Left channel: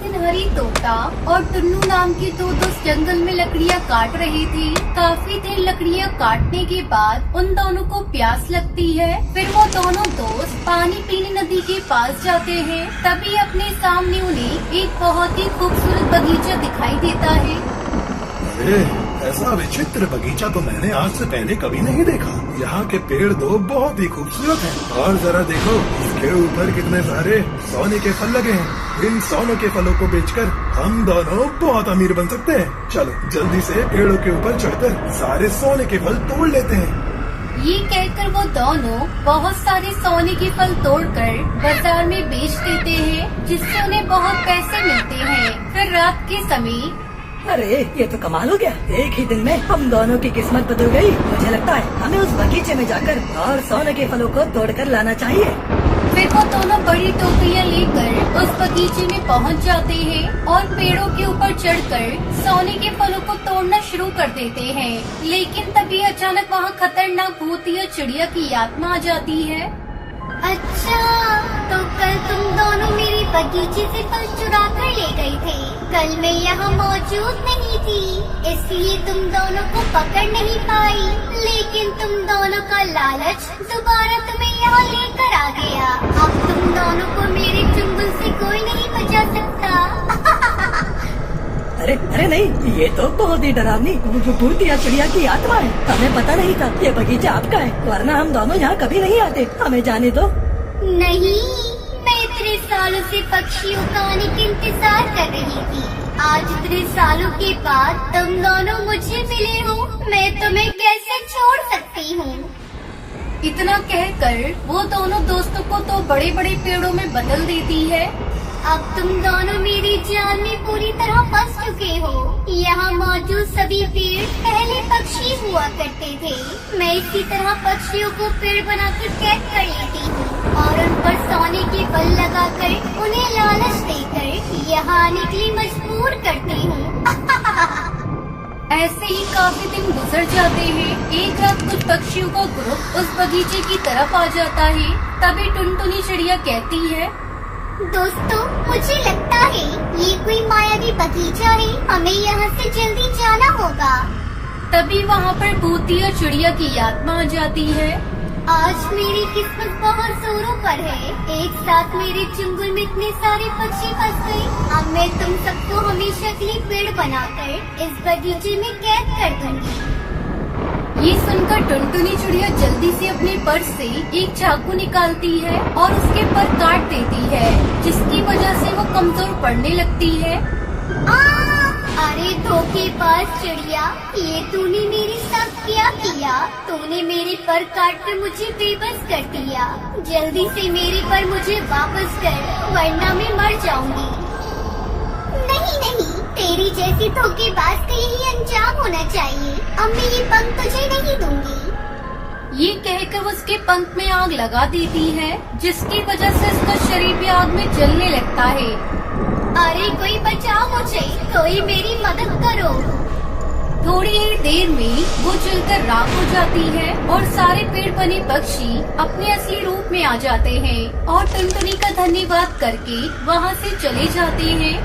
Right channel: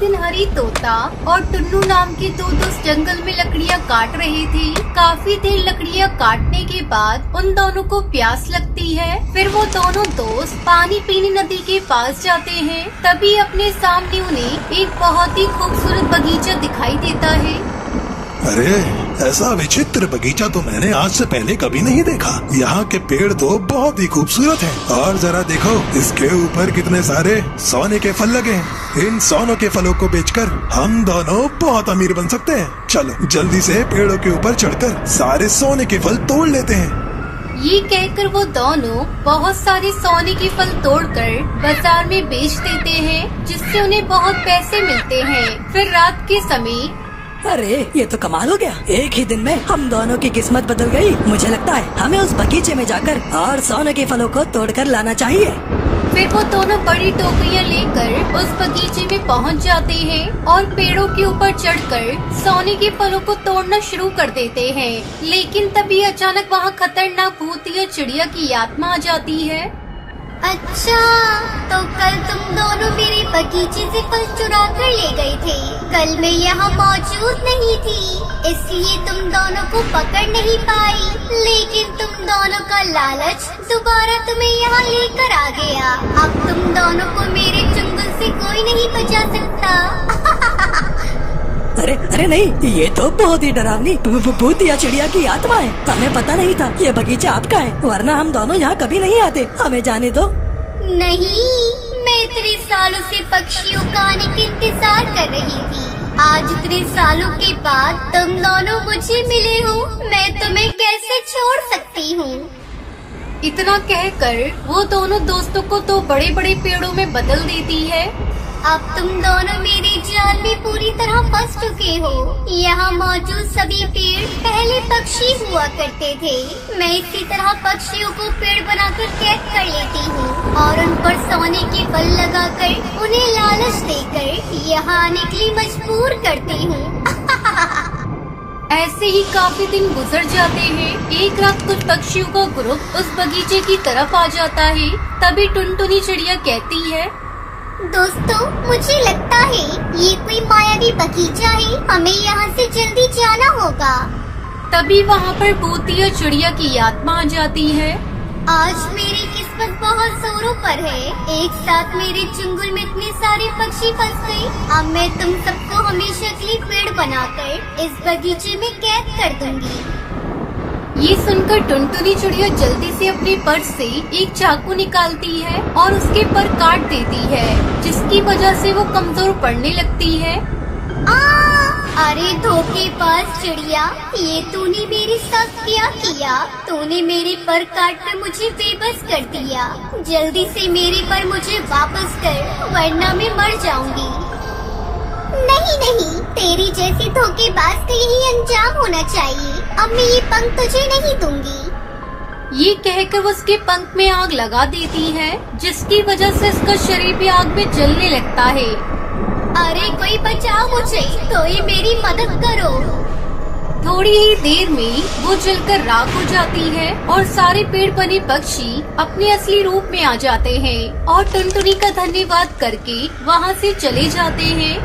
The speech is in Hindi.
दिन हरी तोता और टुन्नू नाम के दो दोस्त जंगल में लकड़ियाँ काट रहे थे। काफी देर लकड़ियाँ काटने के बाद उन दोनों को प्यास लगती है। फिर वो दोनों दोस्त पानी पीने नदी के पास जाते हैं। तभी अपने सामने उन्हें एक बहुत ही खूबसूरत बगीचा दिखाई देता है। अरे, ऐसा विचित्र बगीचा तो मैंने आज से पहले कभी नहीं देखा। यहाँ के पेड़ तो बहुत ही खूबसूरत हैं। और जरा देखो, इसके ऊपर कितने सारे सोने के फल लगे हैं। इन सोने के फलों को बेचकर हम दोनों बहुत अमीर बन सकते हैं। चलो जल्दी से पेड़ों के ऊपर चढ़कर सारे सोने के फल तोड़ लेते हैं। ये कहकर वो दोनों बहुत सारे सोने के फल तोड़कर बाजार में बेच देते हैं, जिससे उन्हें बहुत पैसे मिलते हैं। फिर रात के समय अरे ये तो कमाल हो गया। एक ही दिन में हम दोनों की किस्मत बदल गई। मुझे लगता है हमें उस बगीचे में जाकर और सोने के फलों को तोड़कर लाना चाहिए। फिर वो दोनों बड़ी टोकरियां लेकर उस बगीचे में पहुंच जाते हैं और पेड़ों के ऊपर चढ़कर सोने के फलों को तोड़ना शुरू कर देते हैं। लेकिन तभी अचानक वहां खतरनाक भूतिया चिड़िया की आत्मा आ जाती है। अच्छा, तो कल तुम दोनों मेरे बगीचे से फल चुरा कर ले गए थे। कल मैं यहाँ मौजूद नहीं थी, इसलिए तुम दोनों को पकड़ नहीं पाई। लेकिन तुम दोनों का लालच दोबारा तुम्हें यहाँ लेकर आ गया। अब तुम दोनों को मेरे चुंगल से कोई नहीं बचा सकता। अरे अरे नहीं, ये तो बहुत ही डरावनी भूतिया चिड़िया की आत्मा है। हमें पता नहीं था ये बगीचा आपका है, वरना हम दोनों यहाँ कभी नहीं आते। हमें जाने दो। नहीं, मैं इतने सालों से पक्षियों का आने का इंतजार कर रही थी। आज इतने सालों के बाद तुम दोनों मुझे मिले हो। मैं तुम्हें कैसे छोड़ सकती हूँ। इतना कहकर वो दोनों दोस्तों को दो बड़े बड़े पेड़ों में बदल देती है। अब तुम दोनों मेरे जाल में पूरी तरह फंस चुके हो। यहाँ मौजूद सभी पेड़ पहले पक्षी हुआ करते थे। मैं इसी तरह पक्षियों को पेड़ बनाकर कैद कर लेती हूँ और उन पर सोने के बल लगाकर उन्हें लालच देकर यहाँ आने के लिए मजबूर करती हूँ। ऐसे ही काफी दिन गुजर जाते हैं। एक रात कुछ पक्षियों का ग्रुप उस बगीचे की तरफ आ जाता है। तभी टुनटुनी चिड़िया कहती है, दोस्तों, मुझे लगता है ये कोई मायावी बगीचा है। हमें यहाँ से जल्दी जाना होगा। तभी वहाँ पर भूतिया चिड़िया की आत्मा आ जाती है। आज मेरी किस्मत बहुत जोरों पर है। एक साथ मेरे चुंगल में इतने सारे पक्षी फंस गए। अब मैं तुम सबको हमेशा के लिए पेड़ बनाकर इस बगीचे में कैद कर दूंगी। ये सुनकर टुनटुनी चिड़िया जल्दी से अपने पर्स से एक चाकू निकालती है और उसके पर काट देती है, जिसकी वजह से वो कमजोर पड़ने लगती है। अरे धोखेबाज चिड़िया, ये तूने मेरे साथ क्या किया? तूने मेरे पर काट कर मुझे बेबस कर दिया। जल्दी से मेरे पर मुझे वापस कर, वरना मैं मर जाऊंगी। नहीं नहीं, तेरी जैसे धोखेबाज का यही अंजाम होना चाहिए। अब मैं ये पंख तुझे नहीं दूंगी। ये कहकर वो उसके पंख में आग लगा देती है, जिसकी वजह से उसका शरीर भी आग में जलने लगता है। अरे कोई बचाओ मुझे, कोई मेरी मदद करो। थोड़ी ही देर में वो जलकर राख हो जाती है और सारे पेड़ बने पक्षी अपने असली रूप में आ जाते हैं और टुनटुनी का धन्यवाद करके वहाँ से चले जाते हैं।